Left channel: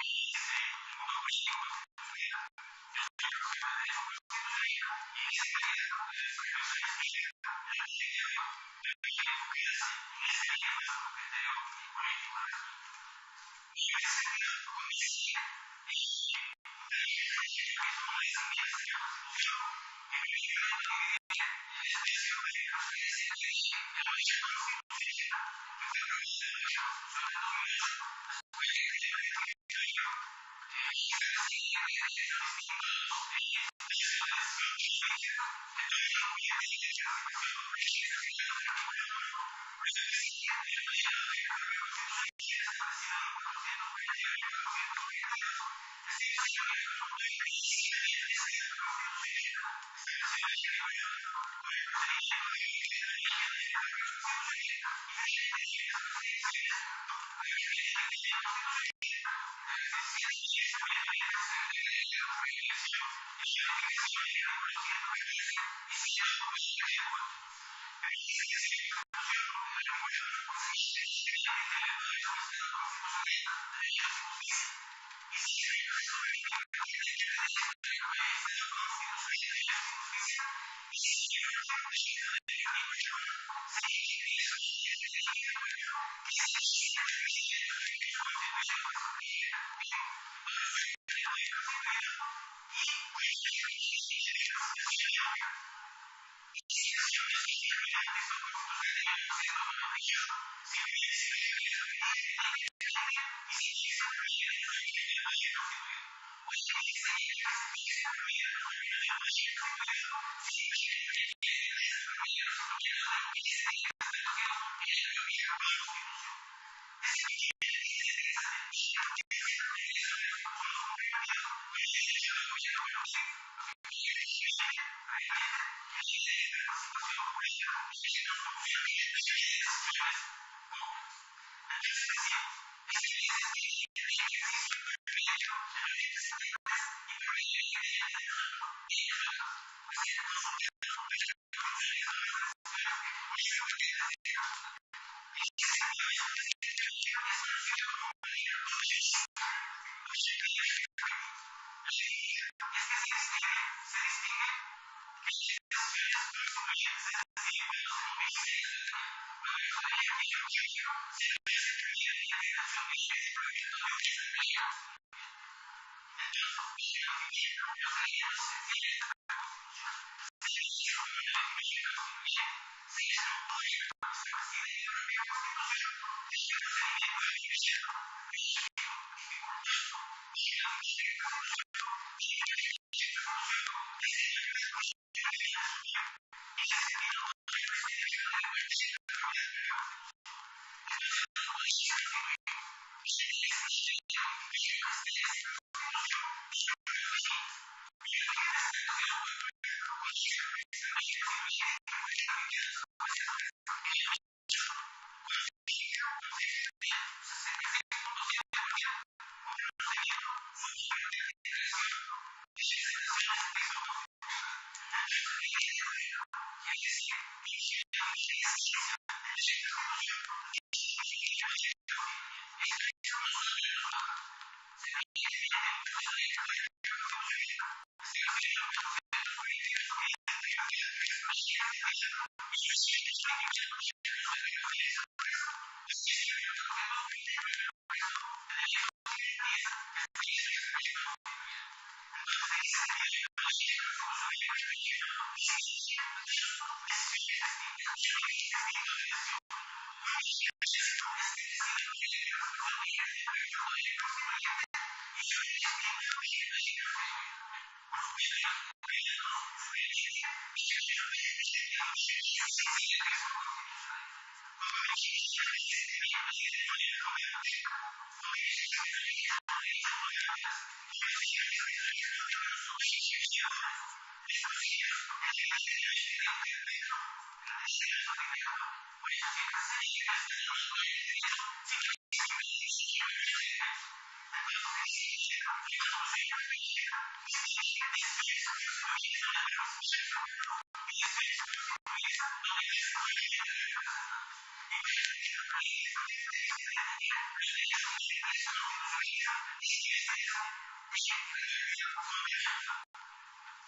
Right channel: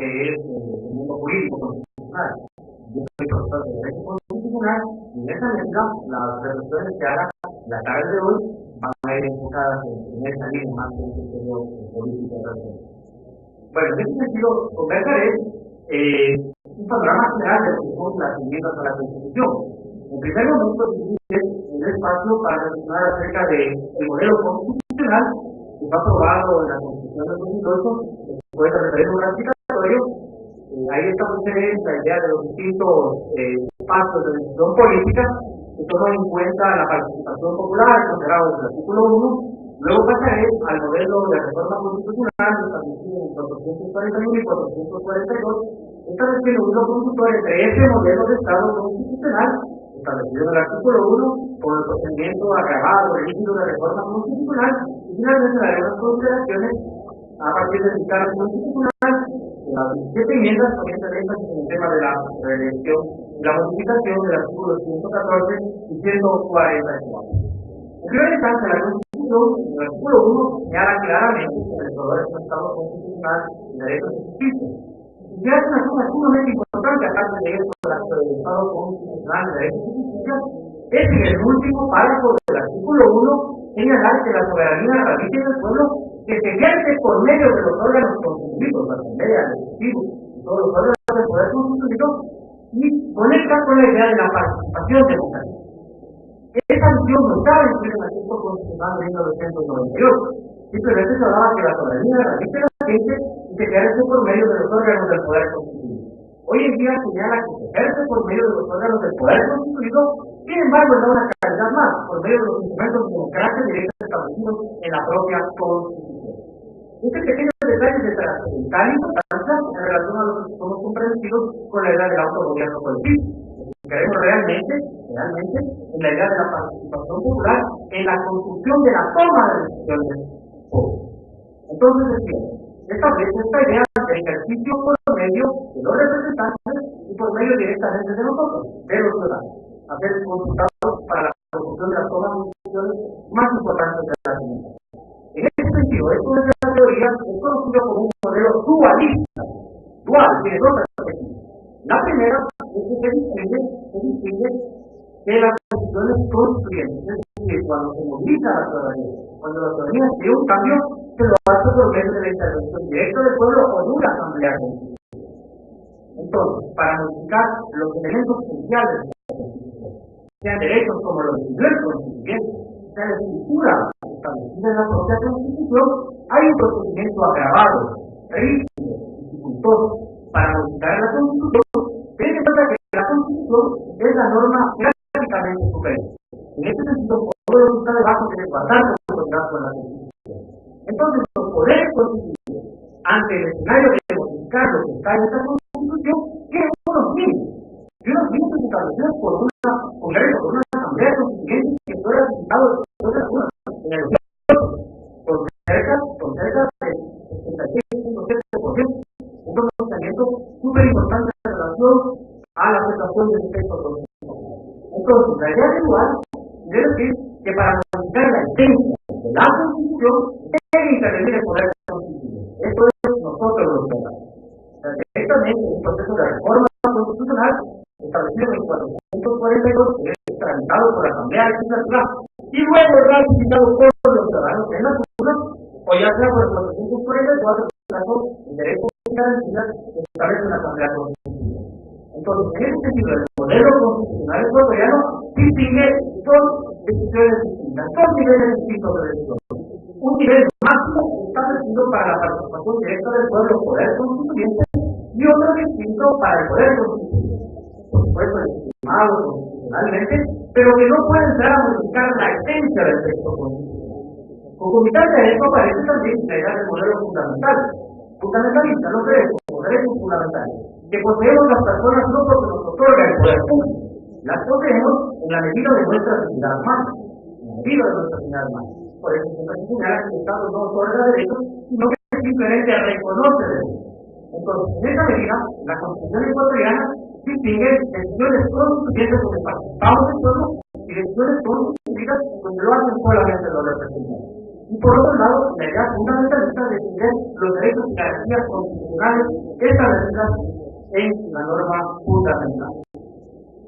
que es el mundo jurídico constitucional. Yo soy profesor de Derecho Constitucional y en esa medida las reflexiones que haga la tarde de hoy van a ir enfocadas en esa línea, más con un criterio político al respecto. Bueno, en ese sentido conversaré un panorama general de lo que son las enmiendas a la Constitución. En primer momento dividiré el espacio para reflexionar acerca del modelo constitucional que fue aprobado en la Constitución del 2008 después del referéndum ratificatorio. Ahí estableceré la idea de los distintos espacios de decisión política que toman en cuenta la participación popular, consagrado desde el artículo 1. Luego pasaré al modelo de reforma constitucional establecido en el 441 y 442, estableciendo un hilo conductor entre ese modelo de Estado constitucional establecido en el artículo 1 con el procedimiento agravado, rígido de reforma constitucional, y finalmente daré unas consideraciones a partir del dictamen constitucional de las 17 enmiendas, poniendo el énfasis en el tema de la reelección y la modificación del artículo 114 y 144. En primera instancia, la Constitución, en el artículo 1, señala claramente que el Ecuador es un Estado constitucional de derechos y justicia. Y se hace una cosa sumamente importante, aparte de esto, del Estado constitucional de derechos y justicia, es en el último párrafo del artículo 1 señalar que la soberanía radica en el pueblo, que se ejerce por medio de los órganos constituidos, la Asamblea, el Ejecutivo y todos los órganos del poder constituido, y conecta con la idea de la participación democrática. Esa visión no estaba incluida en el texto constitucional de 1998. Simplemente se hablaba que la soberanía radica en la gente y se ejerce por medio de los órganos del poder constituido. Hoy en día señala que se ejerce por medio de los órganos del poder constituido, sin embargo le da una calidad más, por medio de los instrumentos de democracia directa establecidos en la propia Constitución. Ese pequeño detalle es de trascendental importancia en relación a los que somos comprometidos con la idea del autogobierno colectivo. Los que queremos realmente en la idea de la participación popular en la construcción de la toma de decisiones públicas. Entonces decíamos, establece esta idea de ejercicio por medio de los representantes y por medio directamente de nosotros, de los ciudadanos, a ser consultados para la construcción de las tomas de decisiones más importantes de la comunidad. En ese sentido, esto desde la teoría es conocido como un modelo dualista. Dual, tiene dos perspectivas. La primera es que se distingue que las decisiones constituyentes, es decir, cuando se moviliza a la ciudadanía, cuando la ciudadanía quiere un cambio, se lo hace por medio de la intervención directa del pueblo o de una asamblea constituyente. Entonces, para modificar los elementos esenciales de esta Constitución, sean derechos como lo definió el constituyente, sea la estructura establecida en la propia Constitución, hay un procedimiento agravado, rígido, dificultoso para modificar la Constitución, teniendo en cuenta que la Constitución es la norma jerárquicamente superior. En ese sentido, todo lo que está debajo debe guardar conformidad con la Constitución. Entonces, los poderes constituidos, ante el escenario de modificar lo que está en esa Constitución, tienen unos límites, y unos límites establecidos por un Congreso, por una Asamblea Constituyente que fue ratificado después de las urnas en el 2008, con cerca del 66.7%, un pronunciamiento súper importante en relación a la aceptación de ese texto constitucional. Entonces, la idea de dual quiere decir que para modificar la esencia de la Constitución debe intervenir el poder constituyente. Esto es nosotros los ciudadanos. O sea, directamente en un proceso de reforma constitucional establecido en el 442, que es tramitado por la Asamblea Legislativa y luego ratificado por los ciudadanos en las urnas, o ya sea por el 444, el caso de derechos y garantías que establece una Asamblea Constituyente. Entonces, en ese sentido, el modelo constitucional ecuatoriano distingue dos decisiones distintas, dos niveles distintos de decisión. Un nivel máximo establecido para la participación directa del pueblo, poder constituyente, y otro distinto para el poder constituido. Por supuesto, legitimado constitucionalmente, pero que no puede entrar a modificar la esencia del texto constitucional. Concomitante a esto aparece también la idea del modelo fundamentalista, los derechos fundamentales, que poseemos las personas no porque nos otorga el poder público, las poseemos en la medida de nuestra dignidad humana, Por eso siempre se señala que el Estado no otorga derechos, sino que simplemente reconoce derechos. Entonces, en esa medida, la Constitución ecuatoriana distingue decisiones constituyentes donde participamos el pueblo y decisiones constituidas donde lo hacen solamente los representantes. Y por otro lado, la idea fundamentalista de defender los derechos y garantías constitucionales establecidas en la norma fundamental.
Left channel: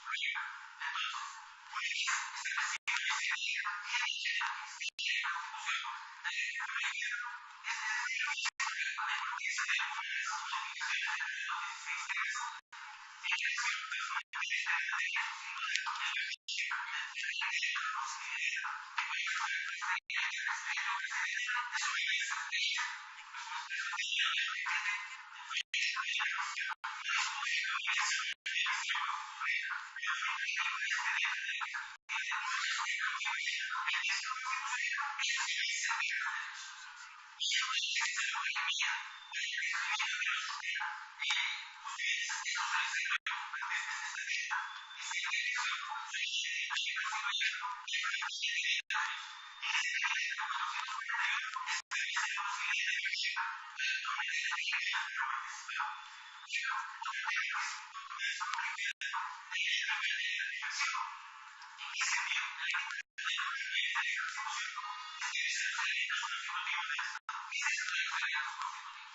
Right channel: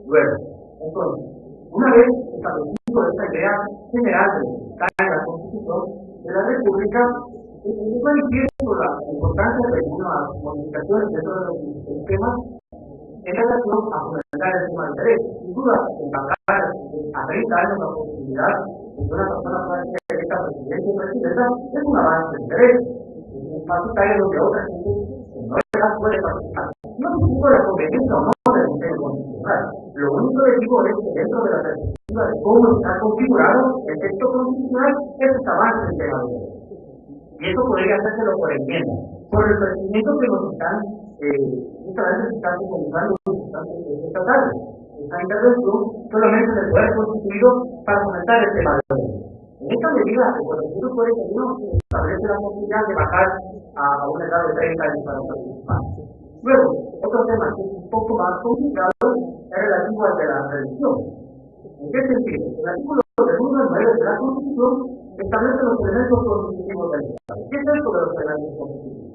Luego, entonces, una vez establecido esa idea general de lo que está en la Constitución de la República, es manifiesto la importancia de algunas modificaciones dentro de los 16 temas en relación a fomentar el tema de derechos. Sin duda, el bajar a 30 años la posibilidad de que una persona pueda ser electa presidente o presidenta es un avance de derechos. Es un espacio etario donde otra gente de menor edad puede participar. No discuto la conveniencia o no del diseño constitucional. Lo único que digo es que dentro de la perspectiva de cómo está configurado el texto constitucional, eso es avance en temas de derechos. Y eso podría hacérselo por enmienda, por el procedimiento que nos están, justamente se está socializando esta tarde. Esa intervención solamente del poder constituido para fomentar el tema de derechos. En esta medida, el 441 establece la posibilidad de bajar a una edad de 30 años para participar. Luego, otro tema que es un poco más complicado es relativo al de la reelección. ¿En qué sentido? El artículo del 1 al 9 de la Constitución establece los elementos constitutivos del Estado. ¿Qué es esto de los elementos constitutivos?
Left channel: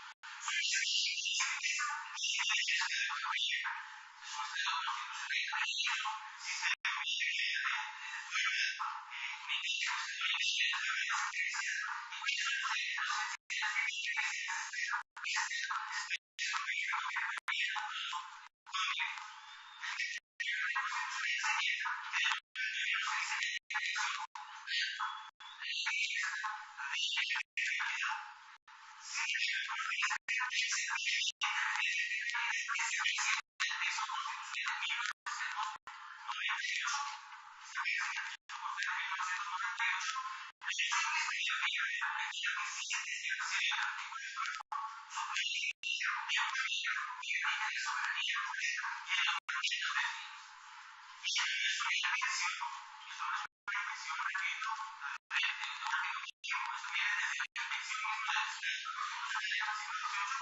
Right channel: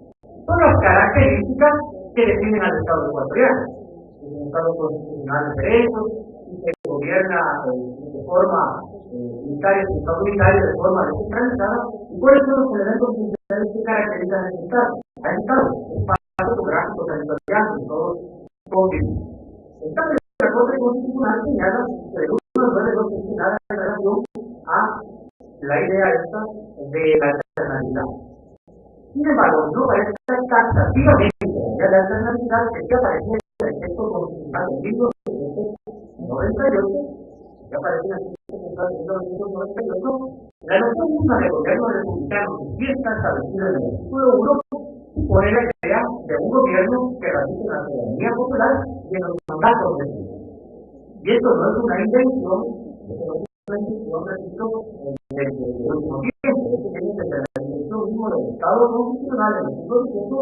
Son las características que definen al Estado ecuatoriano. Es un Estado constitucional de derechos, si se gobierna de forma unitaria, es un Estado unitario de forma descentralizada, y cuáles son los elementos esenciales que caracterizan a ese Estado, espacio geográfico territorial donde todos convivimos. El dictamen de la Corte Constitucional señala que del 1 al 9 no se dice nada en relación a la idea esta de la alternabilidad. Sin embargo, no parece taxativamente la idea de alternabilidad que se aparecía en el texto constitucional de 1998, la noción misma de gobierno republicano, que sí está establecido en el artículo 1, supone la idea de un gobierno que radique en la soberanía popular y en los mandatos definidos. Y esto no es una invención, repito, de último tiempo. Esto viene desde la invención mismo del Estado constitucional en el siglo XVIII,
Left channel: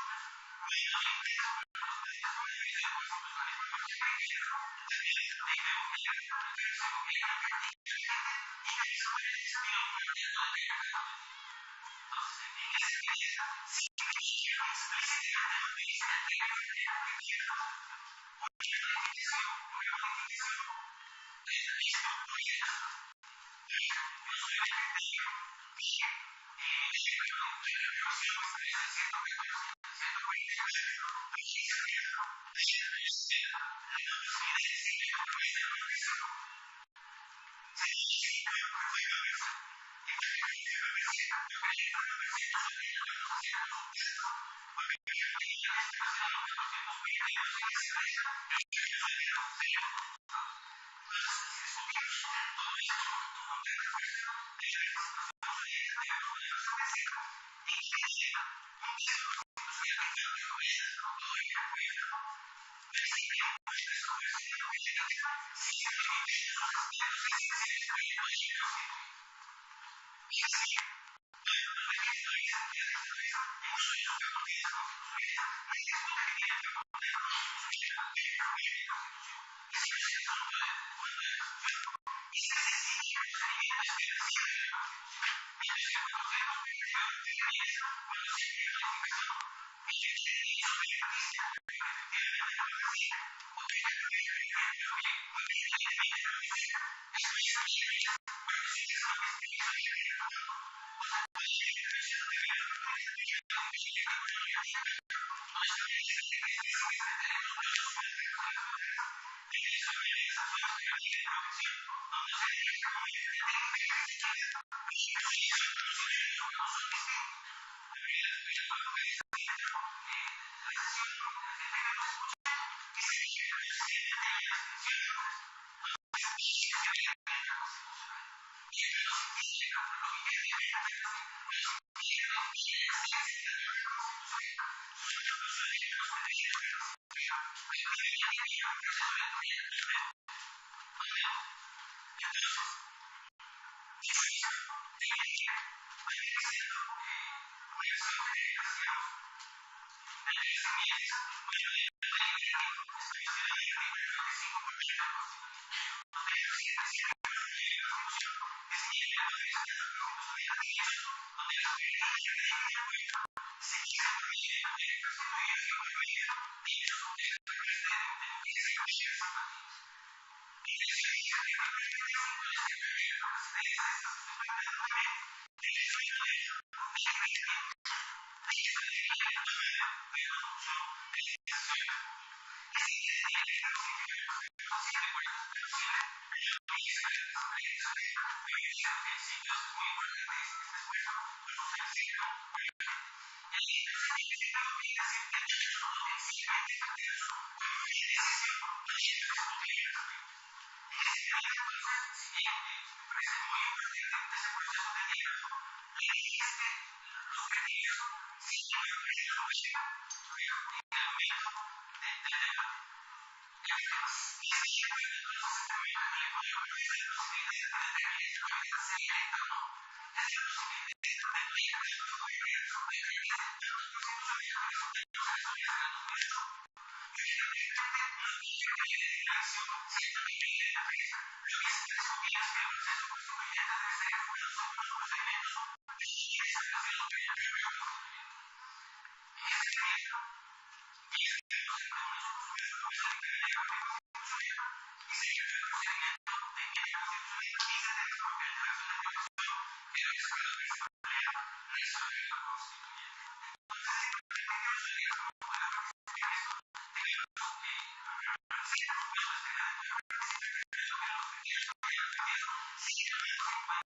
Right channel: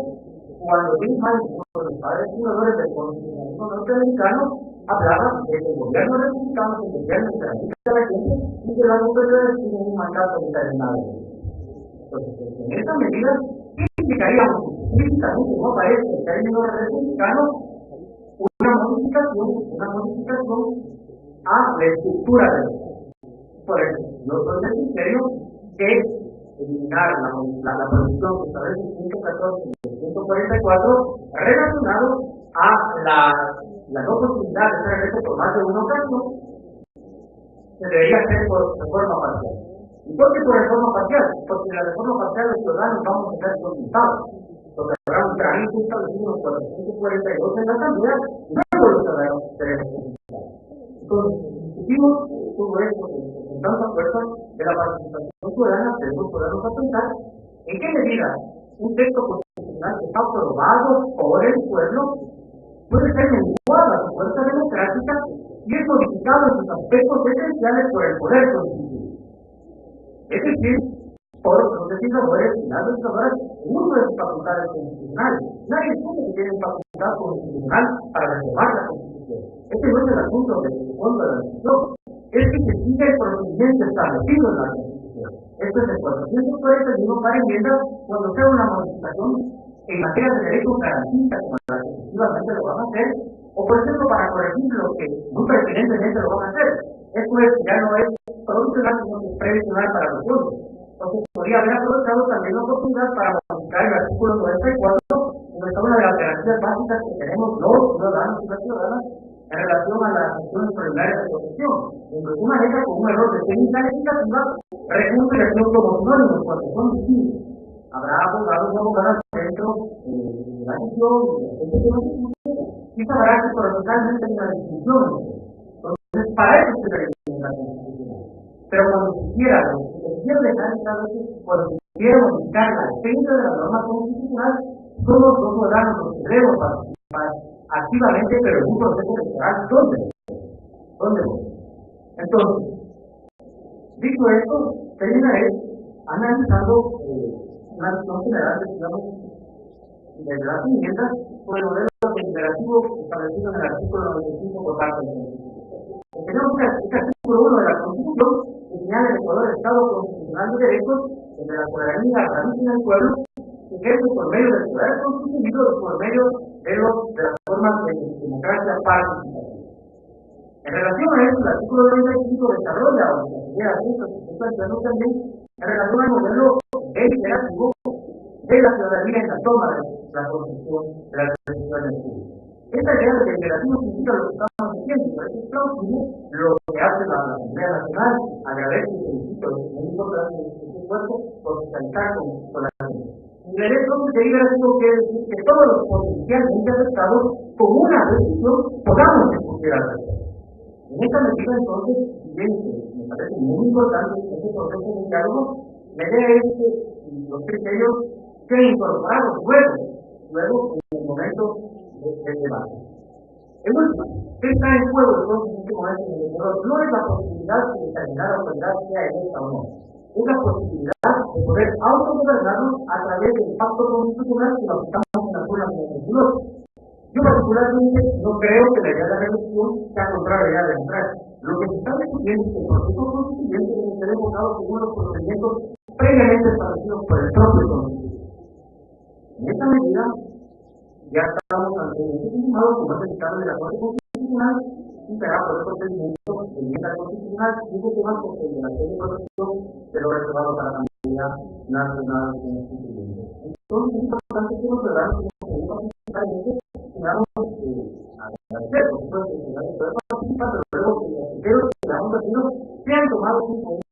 cuando James Madison, uno de los padres fundadores del constitucionalismo norteamericano, hablaba de que el gobierno republicano es el gobierno en que radica la gente y que las autoridades tienen un mandato determinado de tiempo. Entonces, en esa medida, sí implicaría, aunque explícitamente no aparezca el término republicano, una modificación a la estructura del Estado. Por eso, yo soy del criterio que eliminar la prohibición que establece el 114 y el 144 relacionado a la no posibilidad de ser electo por más de una ocasión, se debería hacer por reforma parcial. ¿Y por qué por reforma parcial? Porque en la reforma parcial los ciudadanos vamos a ser consultados, porque habrá un trámite establecido en el 442 en la Asamblea y luego los ciudadanos seremos consultados. Entonces, si discutimos todo esto con tanta fuerza de la participación ciudadana, debemos ponernos a pensar en qué medida un texto constitucional que fue aprobado por el pueblo puede ser menguada su fuerza democrática si es modificado en sus aspectos esenciales por el poder constituido. Es decir, por los legisladores y las legisladoras en uso de sus facultades constitucionales. Nadie discute que tienen facultad constitucional para reformar la Constitución. Ese no es el asunto de fondo de la discusión. Es que se siga el procedimiento establecido en la Constitución. Esto es el 441 para enmienda cuando sea una modificación en materia de derechos garantistas, como la que efectivamente lo van a hacer, o por ejemplo para corregir lo que muy pertinentemente lo van a hacer. Esto es que ya no es provisional, sino que es previsional para los fondos. O se podía haber aprovechado también la oportunidad para modificar el artículo 94, donde está una de las garantías básicas que tenemos los ciudadanos y las ciudadanas en relación a las acciones extraordinarias de protección, donde se maneja con un error de técnica legislativa, recurso y acción como sinónimos cuando son distintos. Habrá abogados o abogadas dentro de la sesión, de la gente que nos escuche, y sabrá que procesalmente hay una distinción entre esto. Entonces, para eso sirve la enmienda constitucional. Pero cuando se quiera, lo que quiero dejar en claro es que cuando se quiera modificar la esencia de la norma constitucional, somos los ciudadanos los que debemos participar activamente, pero en un proceso electoral donde votemos. Entonces, dicho esto, terminaré analizando una visión general, decíamos, de las enmiendas con el modelo deliberativo establecido en el artículo 95 por parte del Constituyente. Entonces teníamos ese artículo 1 de la Constitución que señala el Ecuador Estado constitucional de derechos donde la soberanía radica en el pueblo, se ejerce por medio del poder constituido y por medio de las formas de democracia participativa. En relación a esto, el artículo 95 desarrolla las ideas estas que estoy planteando también en relación al modelo deliberativo de la ciudadanía en la toma de la construcción de las decisiones públicas. Esta idea de deliberativo significa lo que estamos haciendo y por eso es plausible lo que hace la Asamblea Nacional. Agradezco y felicito, es muy importante este esfuerzo por socializar con la gente. Y la idea entonces deliberativo quiere decir que todos los potencialmente afectados con una decisión podamos discutir al respecto. En esta medida entonces, si bien me parece muy importante ese proceso de diálogo, la idea es que los criterios sean incorporados luego en el momento del debate. En últimas, ¿qué está en juego entonces en este momento en el Ecuador? No es la posibilidad que determinada autoridad sea electa o no, es la posibilidad de poder autogobernarnos a través del pacto constitucional que lo aceptamos en las urnas en el 2008. Yo particularmente no creo que la idea de reelección sea contraria a la idea de democracia. Lo que se está discutiendo es que el proceso constituyente debe ser enfocado según los procedimientos previamente establecidos por el propio constituyente. En esta medida, ya estamos ante un hecho consumado, como es el dictamen de la Corte Constitucional, y será por el procedimiento de enmienda constitucional 15 temas, porque el de la acción de protección quedó reservado para Asamblea Nacional Constituyente. Entonces es importante que los ciudadanos que hemos podido participar en esto tengamos agradecer, por supuesto, esta idea de poder participar, pero luego que los criterios que hayamos vertido sean tomados en cuenta